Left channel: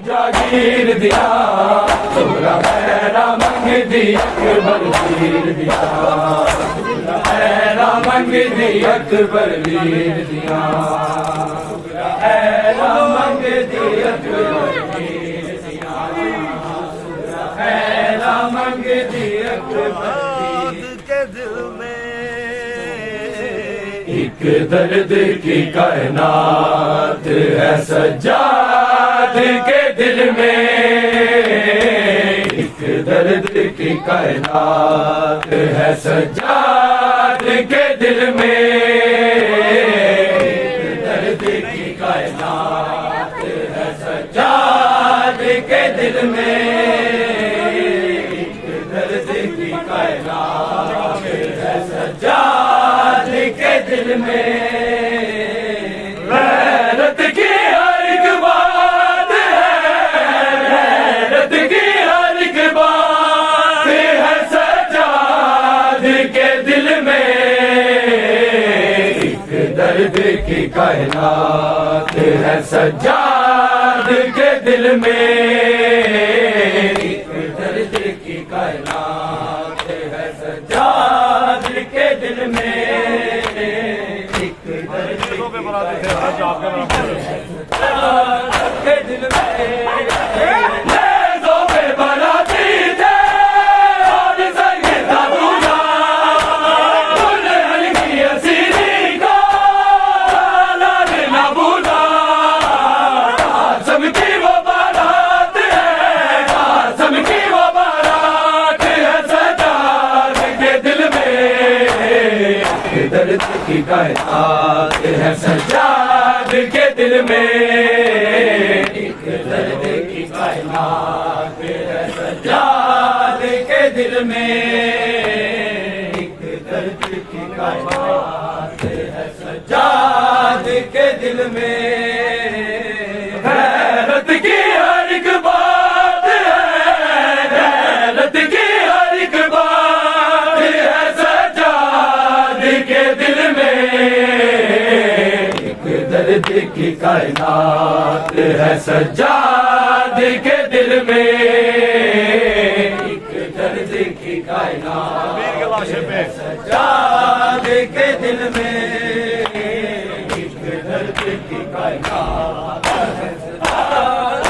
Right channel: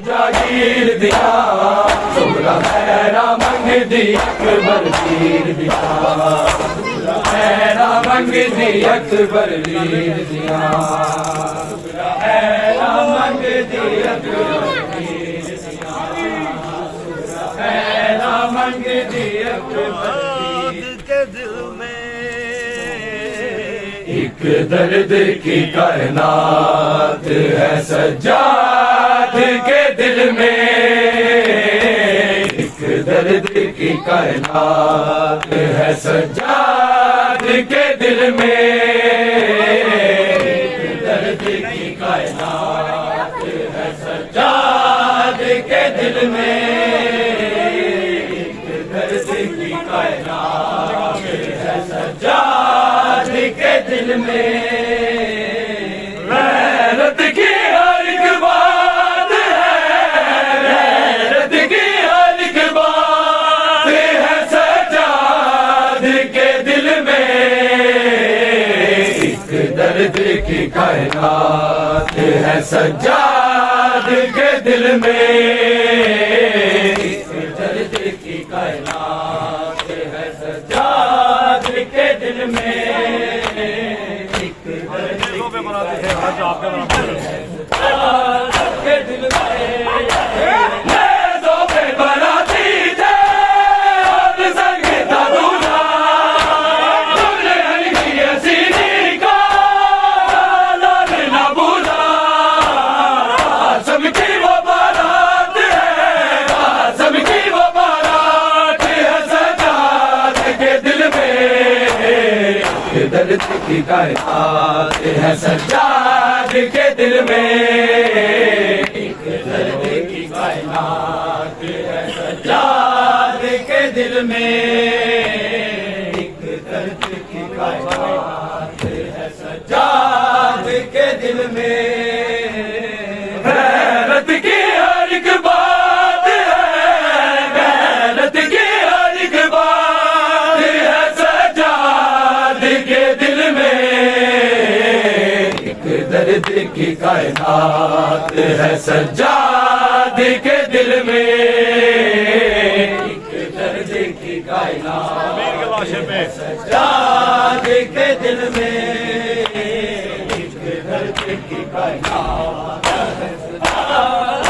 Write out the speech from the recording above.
जागीर दिया सुबरा हैरा मंग दी अकबर लीर दिया हैरा मंग दी अकबर लीर दिया हैरा मंग दी अकबर लीर दिया हैरा मंग दी अकबर के दिल में एक दर्द की कायनात है सज्जाद के दिल में एक दर्द की कायनात है सज्जाद के दिल में एक दर्द की कायनात है सज्जाद के दिल में एक दर्द की कायनात है सज्जाद के दिल में गैरत की हर एक बात है सज्जाद के दिल में एक दर्द की कायनात है सज्जाद के दिल में एक दर्द की कायनात है सज्जाद के दिल में एक दर्द के दिल में दर्द की कायनात है सज्जाद के दिल में एक दर्द की कायनात है सज्जाद के दिल में एक दर्द की कायनात है सज्जाद के दिल में गैरत की हर एक बात है गैरत की हर एक बात है सज्जाद के दिल में एक दर्द की कायनात है सज्जाद के दिल में एक दर्द की कायनात है सज्जाद के दिल में एक दर्द की कायनात है सज्जाद